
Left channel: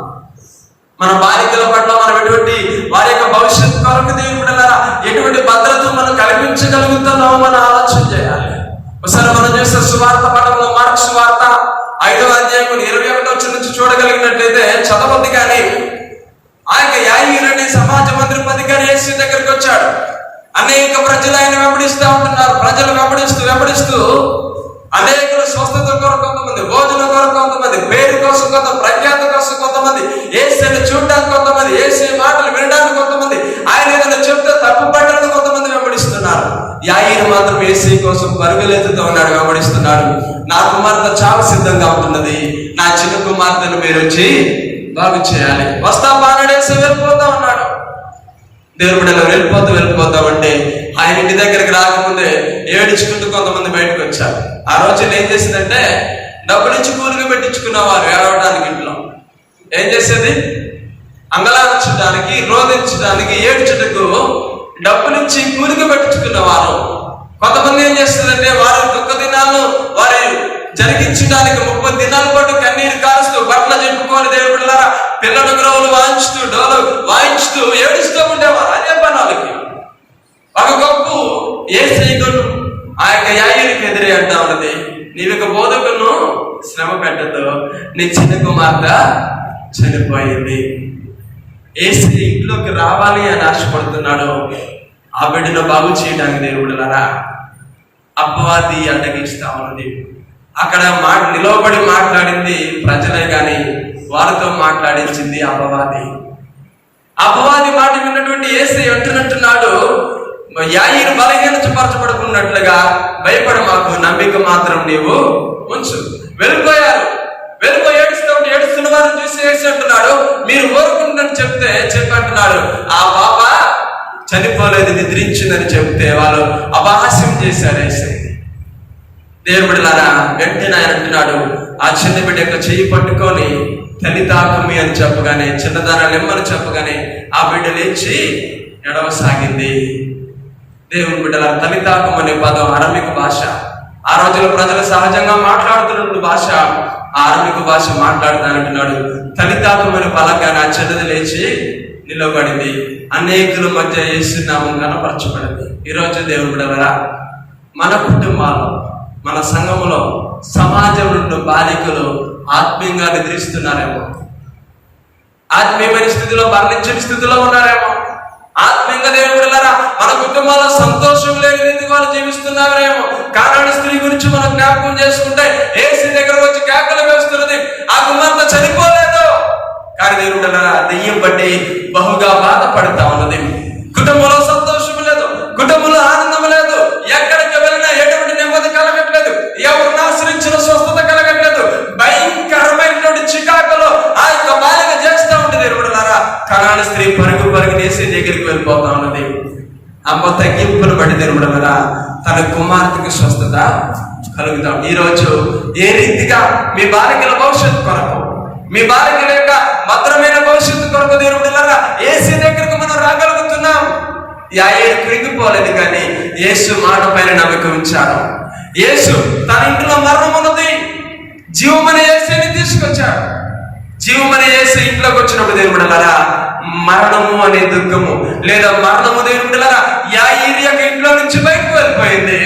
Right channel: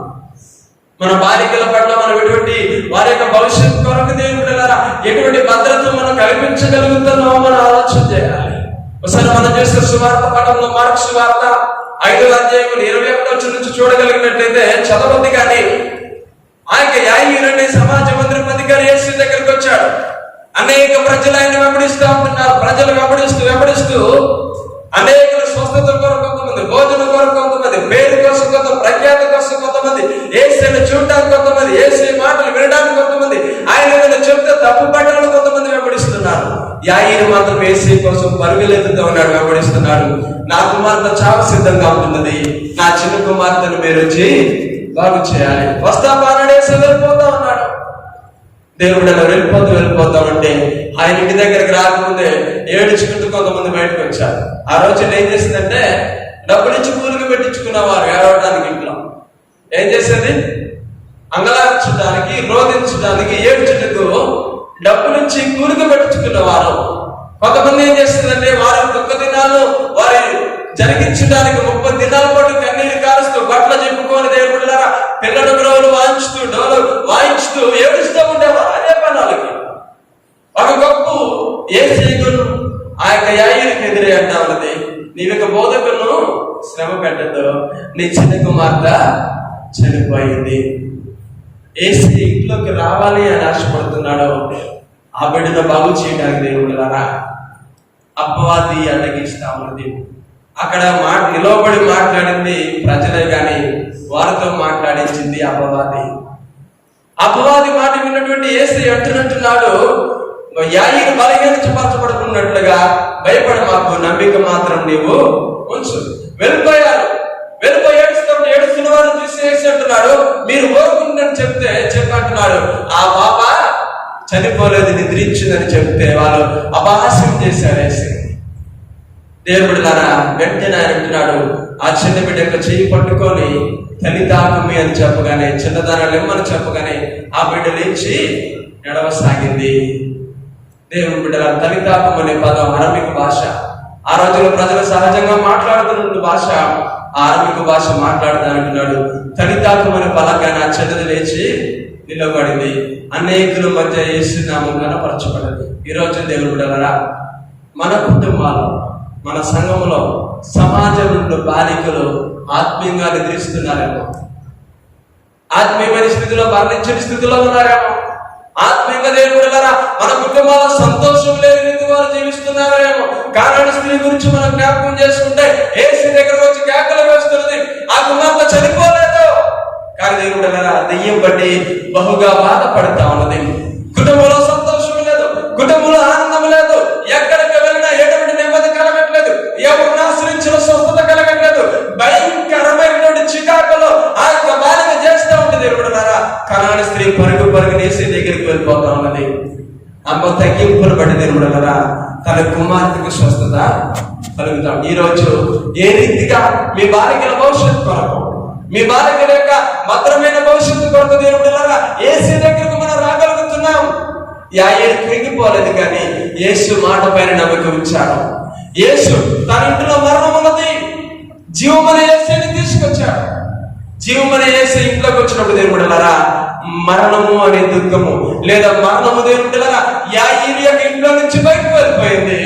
మన బాలికల పట్ల మనం ఎటువంటి వారి యొక్క భవిష్యత్తు కొరకు దేవుడు బిడ్డలారా ఎటువంటి భద్రత మనం కల్పించగలుగుతున్నామో మనం ఆలోచన చేయాలి. ఒకసారి మనం చేసే సువార్త పట్టణంలో మార్కు సువార్త 5వ అధ్యాయం 21వ వచనం నుంచి చూడగలిగినట్లయితే చదవద్దు కానీ ఆయన యాయీరుని సమాజ మందిరం అధికారి యేసు దగ్గరికి వచ్చాడు. అనేక ప్రజలు ఆయన వెంబడిస్తూ ఉంటున్నారు. ప్రజలు వెంబడిస్తూ అనేకులు స్వస్థత కొరకు కొంతమంది, భోజనం కొరకు కొంతమంది, పేరు కోసం కొంతమంది, ప్రఖ్యాతి కోసం కొంతమంది, యేసుని చూడడానికి కొంతమంది, యేసు మాటలు వినడానికి కొంతమంది, ఆయన ఏదైనా చెప్తే తప్పు పట్టడానికి కొంతమంది వెంబడిస్తున్నారు. యాయీరు మాత్రం యేసు కోసం పరుగులెత్తుతూ ఉన్నాడు, వెంబడిస్తున్నాడు. నా కుమార్తె చావు సిద్ధంగా ఉంటున్నది, నా చిన్న కుమార్తెను మీరు వచ్చి బాగు చేయాలి. వస్తా బాగుడేసి వెళ్ళిపోతా ఉన్నాడు. దేవుడు అలా వెళ్ళిపోతామంటే ఆయన ఇంటి దగ్గరికి రాకముందే ఏడుచుకుంటూ కొంతమంది బయటకు వచ్చారు. ఆ రోజు ఏం చేసిందంటే డబ్బులు ఇచ్చి కూలికి పెట్టించుకున్నవారు ఏడవడానికి ఇంట్లో ఏం చేసేది, అంగలార్చడానికి, రోధించడానికి, ఏడ్చుటకు డబ్బులిచ్చి కూలికి పెట్టించుకున్నవారు. కొంతమంది ఏం చేస్తుందంటే వారి ఒక్క దినాలు వారి జరిగించడానికి 30 దినాల పాటు కన్నీరు కారుస్తూ బట్టలు చెప్పుకొని దేవుడులారా పిల్లల గ్రోవులు వాయించుతూ డోలు వాయించుతూ ఏడుస్తూ ఉండేవారు. అదే పని వాళ్ళకి. ఒక గొప్ప యేసయ్యను ఆ యొక్క యాయిరుకి ఎదురే అంటా ఉన్నది, నీవిక బోధకులను శ్రమ పెట్టదు, నీ చిన్న కుమార్తె చనిపోయింది. యేసయ్య ఇంట్లోకి రావాలి అని ఆశపడుతున్నాడు. ఆ బిడ్డను బాగు చేయడానికి దేవుడులారా అపవాది అడ్డగిస్తా ఉన్నది. అక్కడ నిలవబడి మాట్లాడింది ప్రజలే కానీ వారితో మాట్లాడించింది అపవాది. అపవాది మాట విన్నటువంటి యేసయ్య అంటున్నాడు, యాయిరు బలహీనపరచబడుకున్నట్లుగా భయపడ మాకు, నమ్మిక మాత్రం నీవు ఉంచు. వెళ్ళిపోయి ఏడుస్తున్న వారిని చూసి యేసు అంటున్నాడు, మీరు ఓరుకుందని చెప్పంటున్నాడు. ఆ పాప చనిపోలేదు, నిద్రించిందని చెప్తే వాళ్ళు అపహాస్యం చేశారు యేసు. దేవుడిలారా వెంటనే ఆయన అంటున్నాడు, ఆ చిన్న బిడ్డ యొక్క చెయ్యి పట్టుకొని తల్లితాకుమి అని చెప్పగానే, చిన్నదాన లెమ్మని చెప్పగానే ఆ బిడ్డ లేచి నడవసాగింది. దేవుని బిడ్డల తల్లితాకం అనే పదం అరమిక భాష. ఆ రోజుల్లో ప్రజలు సహజంగా మాట్లాడుతున్న భాష, ఆ అరమిక భాష మాట్లాడుతానంటున్నాడు. తల్లితాకం అనే పలంగానే ఆ చిన్నది లేచి నిలబడింది. అనేకుల మధ్య యేసు నామం కనపరచబడింది. ఈరోజు దేవుని బిడ్డలారా మన కుటుంబాల్లో, మన సంఘములో, సమాజంలో బాలికలు ఆత్మీయంగా నిద్రిస్తున్నారేమో, ఆత్మీయమైన స్థితిలో మరణించిన స్థితిలో ఉన్నారేమో, ఆత్మీయంగా దేవుడులారా మన కుటుంబాల్లో సంతోషం లేని వాళ్ళు జీవిస్తున్నారేమో. కానాడు స్త్రీ గురించి మనం జ్ఞాపకం చేసుకుంటే యేసు దగ్గరకు వచ్చి కేకలు వేస్తున్నది, ఆ కుమార్తె చనిపోలేదు. కానీ దేవుడులారా దెయ్యం బట్టి బహుగా బాధపడతా ఉన్నది. కుటుంబంలో సంతోషం లేదు, కుటుంబంలో ఆనందం లేదు, ఎక్కడికి వెళ్ళినా ఎటువంటి నెమ్మది కలగట్లేదు, ఎవరిని ఆశ్రయించిన స్వస్థత కలగట్లేదు. భయంకరమైనటువంటి చికాకులో ఆ యొక్క బాలిక చేస్తూ ఉంటుంది. దేవుడులారా కనాని స్త్రీ పరుగు యేసు దగ్గరికి వెళ్ళిపోతా ఉన్నది. అమ్మ తగ్గింపును బట్టి దేవుడులారా తన కుమార్తెకు స్వస్థత కలుగుతాం. ఈరోజు ఏ రీతిగా మీ బాలికల భవిష్యత్తు కొరకు, మీ బాలికల యొక్క భద్రమైన భవిష్యత్తు కొరకు దేవుడులారా యేసు దగ్గరకు మనం రాగలుగుతున్నాం. యాయేరు కృంగిపోలేదు, కానీ యేసు మాట పైన నమ్మకం ఉంచాడు. యేసు తన ఇంట్లో మరణం ఉన్నది, జీవమనే యేసుని తీసుకొచ్చాడు. జీవమనే యేసు ఇంట్లోకి వచ్చినప్పుడు దేవుడులారా మరణము అనే దుఃఖము లేదా మరణము దేవుడులారా యాయేరు యొక్క ఇంట్లో నుంచి బయటకు వెళ్ళిపోయింది.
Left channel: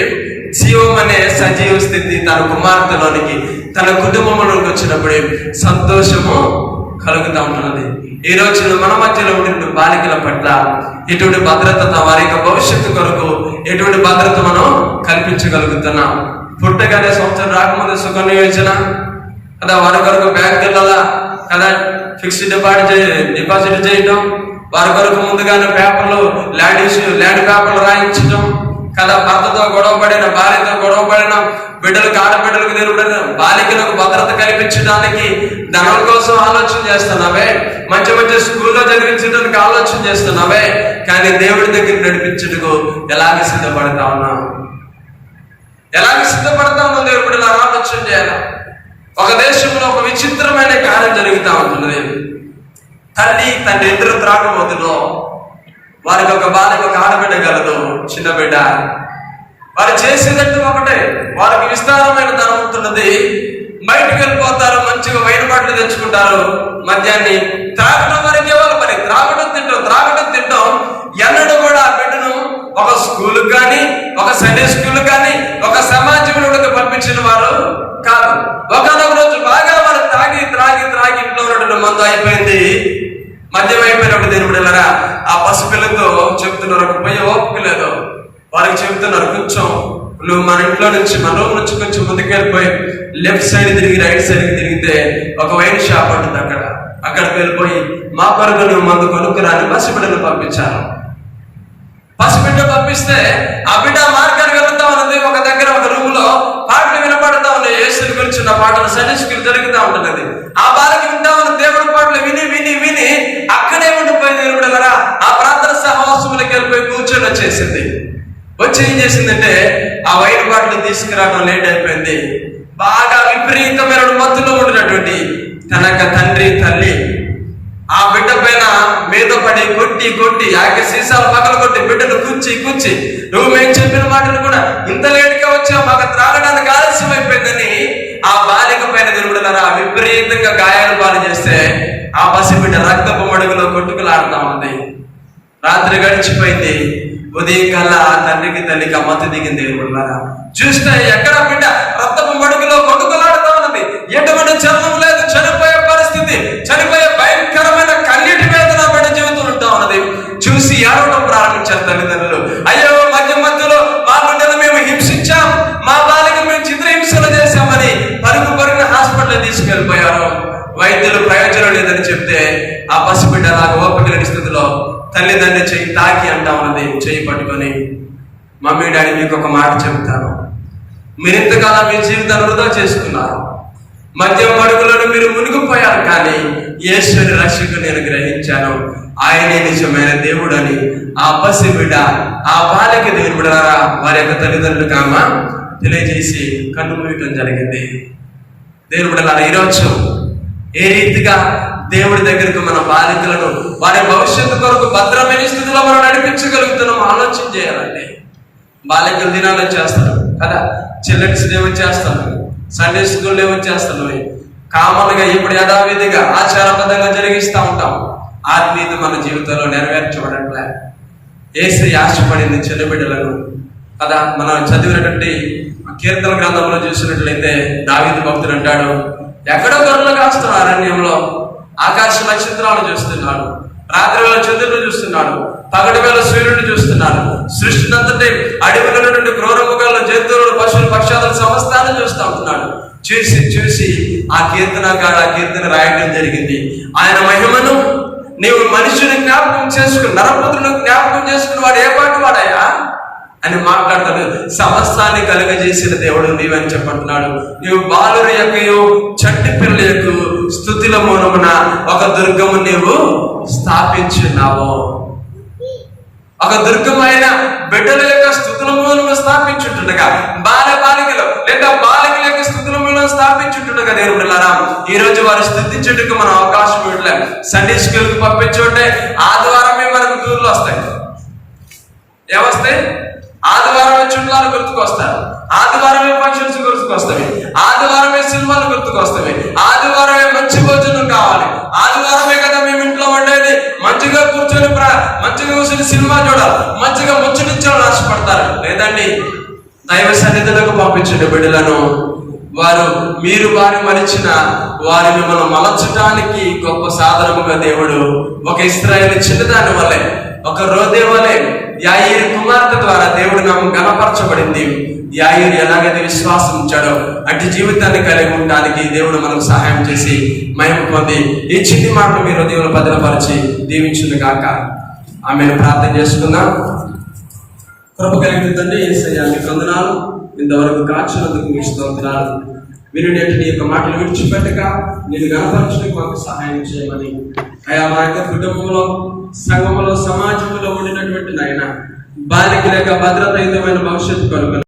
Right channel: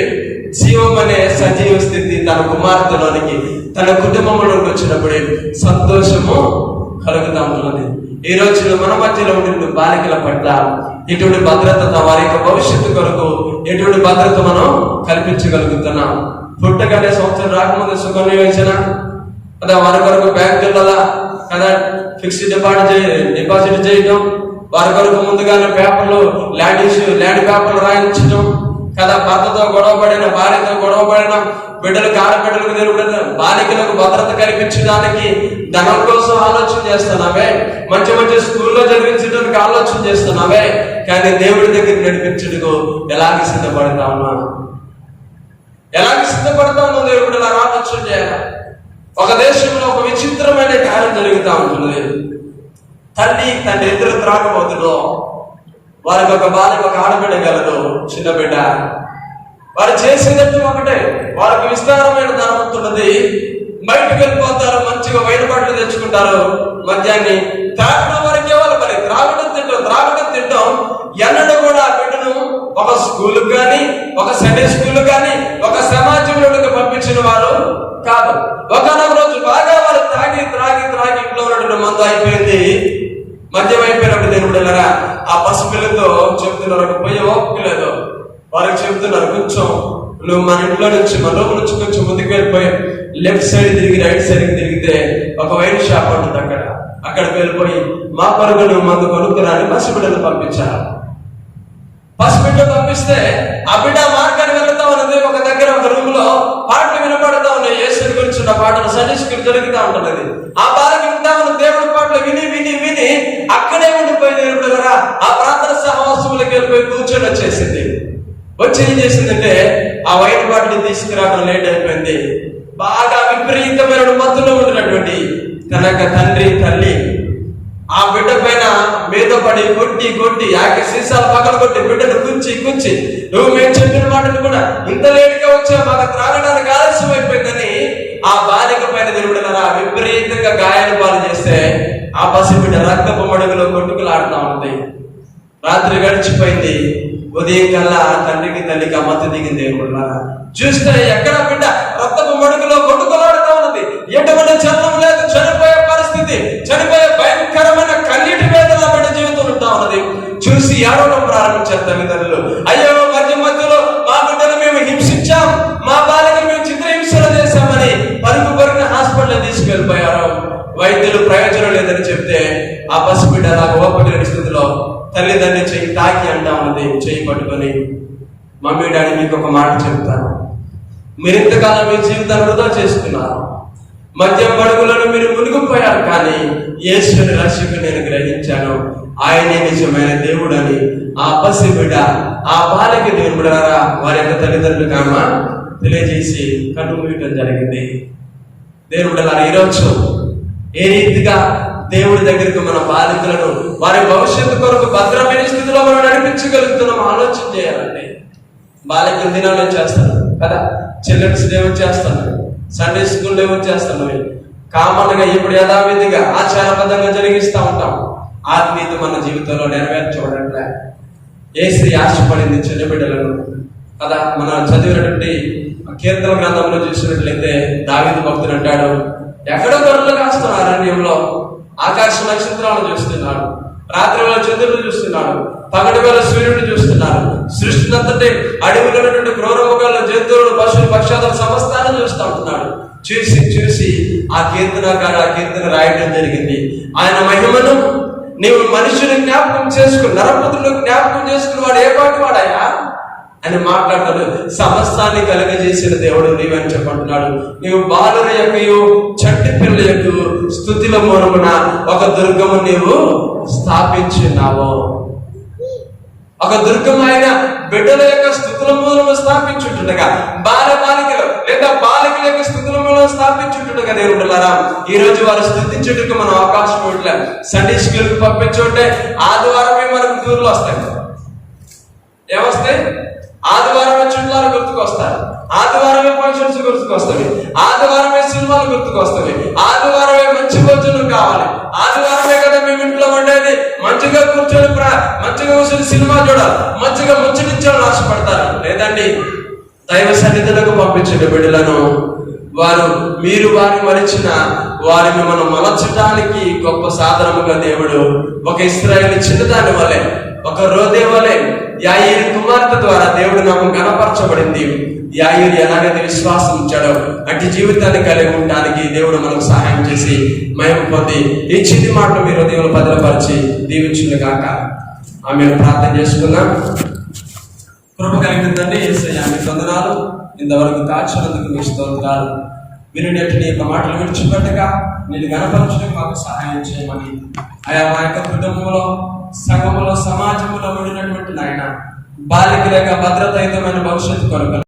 జీవం అనే సజీవ స్థితి తన కుమార్తెలోనికి, తన కుటుంబంలోకి వచ్చినప్పుడు సంతోషము కలుగుతూ ఉంటున్నది. ఈ రోజున మన మధ్యలో ఉండే బాలికల పట్ల ఎటువంటి భద్రత, వారి యొక్క భవిష్యత్తు కొరకు ఎటువంటి భద్రత మనం కల్పించగలుగుతున్నాం. పుట్టగానే సంవత్సరం రాకముందు సుకన్య యోజన కదా, వారి కొరకు బ్యాంకులలో కదా ఫిక్స్డ్ డిపాజిట్ చేయడం, వారి కొరకు ముందుగానే పేపర్లు ల్యాండ్ పేపర్లు రాయించడం కదా, భర్తతో గొడవపడిన, భార్యతో గొడవపడిన బిడ్డలకు, ఆడబిడ్డలకు నిలబడిన బాలికలకు భద్రత కల్పించడానికి ధనం కోసం ఆలోచన చేస్తున్నావే, మంచి మంచి స్కూల్లో చదివించడానికి ఆలోచన చేస్తున్నావే, కానీ దేవుడి దగ్గర నడిపించడానికి ఎలాగ సిద్ధపడతా ఉన్నావు? దేవుడి ఆలోచన చేయాలి. ఒక దేశంలో ఒక విచిత్రమైన కార్యం జరుగుతూ ఉంటున్నది. తండ్రి ఇద్దరు త్రాగబోతులో వారికి ఒక బాలిక, ఒక ఆడబిడ్డ కలదు, చిన్న బిడ్డ. వారు చేసేదంటూ ఒకటే, వారికి విస్తారమైన ధనం ఉంటున్నది. బయటకు వెళ్ళిపోతారు, మంచిగా వైన్ బాటలు తెచ్చుకుంటారు. మధ్యాహ్నం త్రాగడం వరకే వాళ్ళ పని, త్రాగడం తింటాం. ఎన్నడూ కూడా ఆ బిడ్డను ఒక స్కూల్ కానీ, ఒక సండే స్కూల్ కానీ, ఒక సమాజంలోకి పంపించిన వారు కాదు. ఒకనొక రోజు బాగా వాళ్ళు త్రాగి ఇంట్లో ఉన్నటువంటి మందు అయిపోయింది, మద్యం అయిపోయినప్పుడు దేవుడులారా ఆ పసిపిల్లతో చెప్తున్నారు, పోయే ఓపిక లేదు. వారికి చెప్తున్నారు, కొంచెం నువ్వు మన ఇంట్లో నుంచి, మన రూమ్ నుంచి కొంచెం ముందుకెళ్ళిపోయి లెఫ్ట్ సైడ్ తిరిగి రైట్ సైడ్ తిరిగితే ఒక వైన్ షాప్ ఉంటుంది, అక్కడికి వెళ్ళిపోయి మా కొరకు నువ్వు మందు కొనుక్కురాని పసిబిడ్డను పంపించాను. పసిబిడ్డ పంపిస్తే ఆ బిడ్డ మార్గానికి వెళ్తా ఉన్నది. ఒక దగ్గర ఒక రూమ్ లో పాటలు వినపడతా ఉన్నాయి, యేసు గురించి ఉన్న పాటలు సండే స్కూల్ జరుగుతూ ఉంటున్నది. ఆ బాలకి వింటా ఉన్న దేవుడి పాటలు విని అక్కడే ఉండిపోయి దేవుడు ఆ ప్రార్థన సహవాసం దగ్గరికి వెళ్ళిపోయి కూర్చొని వచ్చేసింది. వచ్చి ఏం చేసిందంటే ఆ వైన్ బాటిల్ తీసుకురావడం లేట్ అయిపోయింది. బాగా విపరీతమైన మత్తులో ఉండినటువంటి తన యొక్క తండ్రి తల్లి ఆ బిడ్డ పైన మీద పడి కొట్టి సీసాలు పగల కొట్టి బిడ్డను కూర్చి నువ్వు మేము చెప్పిన మాటలు కూడా ఇంత లేట్గా వచ్చావు, మాకు త్రాగడానికి ఆలస్యం అయిపోయిందని ఆ బాలిక పైన దేవుడున్నారా విపరీతంగా గాయాలు పాలు చేస్తే ఆ పసిబిడ్డ రక్తపు మడుగులో కొట్టుకులాడుతా ఉంది. రాత్రి గడిచిపోయింది. ఉదయం కల్లా తండ్రికి తల్లికి ఆ మత్తు దిగింది. దేవుడున్నారా చూస్తే ఎక్కడ బిడ్డ రక్తపు మడుగులో కొట్టుకులాడుతా ఉన్నది. ఎటువంటి చర్మం లేదు, చనిపోయే పరిస్థితి, చనిపోయే భయంకరమైన కన్నీటి వేదన బిడ్డ జీవితంలో ఉంటా ఉన్నది. చూసి ఏడవడం ప్రారంభించారు తల్లిదండ్రులు. అయ్యో మధ్యలో మా బిడ్డను మేము హింసించాం, మా బాలిక మేము చిత్రహింసలు చేశామని పరుగున హాస్పిటల్ తీసుకెళ్ళిపోయారు. వైద్యులు ప్రయోజనం లేదని చెప్తే ఆ పసిబిడ్డ అలాగ ఓపిక లేని స్థితిలో తల్లిదండ్రి చెయ్యి తాకి అంటా ఉన్నది. చెయ్యి పట్టుకొని, మమ్మీ డాడీ మీకు ఒక మాట చెప్తాను, మీరు ఇంతకాలం మీ జీవితాన్ని వృధా చేసుకున్నారు, మద్యం పరుగులను మీరు మునిగిపోయారు, కానీ యేసుని రక్షకుని నేను గ్రహించాను, ఆయనే నిజమైన దేవుడు అని ఆ పసిబిడ్డ ఆ బాలిక దేవుడారా వారి యొక్క తల్లిదండ్రులకు ఆమె తెలియజేసి కన్ను మూయటం జరిగింది. దేవుడు ఈరోజు ఏ రీతిగా దేవుడి దగ్గరకు మన బాలికలను వారి భవిష్యత్తు కొరకు భద్రమైన స్థితిలో మనం నడిపించగలుగుతున్నాం ఆలోచన చేయాలంటే. బాలికలు దినాలు చేస్తాను కదా, చిల్డ్రన్స్ డే చేస్తాను, సండే స్కూల్ డే చేస్తాను, కామన్ గా ఇప్పుడు యథావిధిగా ఆచారబద్ధంగా జరిగిస్తూ ఉంటాం. ఆత్మీయత మన జీవితంలో నెరవేర్చబడట్లే. యేసు ఆశపడింది చిన్న బిడ్డలను కదా. మనం చదివినటువంటి కీర్తన గ్రంథంలో చూసినట్లయితే దావీదు భక్తుడు అంటాడు, ఎక్కడో గొర్రెలు కాస్తున్న అరణ్యంలో ఆకాశ నక్షత్రాలు చూస్తున్నాడు, రాత్రి వేళ చంద్రుడు చూస్తున్నాడు, పగటి వేళ సూర్యుడిని చూస్తున్నాడు, సృష్టినంతటి అడవిలో క్రూరముఖాలను, జంతువులను, పశువులు, పక్షాలను సమస్తాన్ని చూస్తూ ఉంటున్నాడు. చూసి ఆ కీర్తన రాయడం జరిగింది. ఆయన మహిమను నీవు మనుషుని జ్ఞాపకం చేసుకుని, నరపుత్రుని జ్ఞాపకం చేసుకుని వాడు ఏ పాటు వాడాయా అని మాట్లాడతాడు. సమస్తాన్ని కలుగజేసిన దేవుడు నీవని చెప్పంటున్నాడు. నీవు బాలుర యొక్కయు చంటి పిల్లల యొక్క స్తుతుల మూలమున ఒక దుర్గము నీవు స్థాపించున్నావు. ఒక దుర్గమైన బిడ్డల యొక్క స్థుతుల మూలము స్థాపించుంటుండగా, బాలికలు లేదా బాలికల యొక్క స్థుతుల మూలం స్థాపించుంటుండగా దేవుడులారా ఈ రోజు వారు స్థుతించుటకు మనం అవకాశం ఇవ్వట్లేదు. సండే స్కూల్కి పంపించుంటే ఆదివారమే మనకు టూర్లు వస్తాయి. ఏమొస్తాయి? ఆదివారమే చుట్టాలు గుర్తుకొస్తారు, ఆదివారమే ఫంక్షన్స్ గుర్తుకొస్తాయి, ఆదివారమే సినిమాలు గుర్తుకొస్తాయి, ఆదివారమే మంచి భోజనం కావాలి, ఆదివారమే కదా మేము ఇంట్లో ఉండేది, మంచిగా కూర్చొని మంచిగా కూర్చొని సినిమా చూడాలి, మంచిగా ముచ్చటించాలని ఆశపడతారు. లేదండి, దైవ సన్నిధులకు పంపించండి బిడ్డలను. మీరు వారిని మరిచిన వారిని మనం మలచడానికి గొప్ప సాధనముగా దేవుడు ఒక ఇశ్రాయేలు చిన్నదాని వలె, ఒక రోదే వలె యాయీరు కుమార్తె ద్వారా దేవుడు నాకు గణపరచబడింది. యాయీరు ఎలాగైతే విశ్వాసం ఉంచాడో అటు జీవితాన్ని కలిగి ఉండడానికి దేవుడు మనకు సహాయం చేసి మహిమ పొంది ఈ చిట్టి మాటలు మీరు దేవుడు భద్రపరిచి దీవించును గాక. ఆమెను ప్రార్థన చేసుకుందాం. కృప కలిగిన తండ్రి యేసయ్యా మీకు వందనాలు. ఇంతవరకు కాచినందుకు మీకు స్తోత్రాలు. వినుడేంటి నీ యొక్క మాటలు విడిచిపెట్టక నేను గణపరచడానికి మాకు సహాయం చేయమని, అయా మా యొక్క కుటుంబంలో, సంఘంలో, సమాజంలో ఉండినటువంటి నాయన బాలికల యొక్క భద్రతాయుతమైన భవిష్యత్తు కొరకు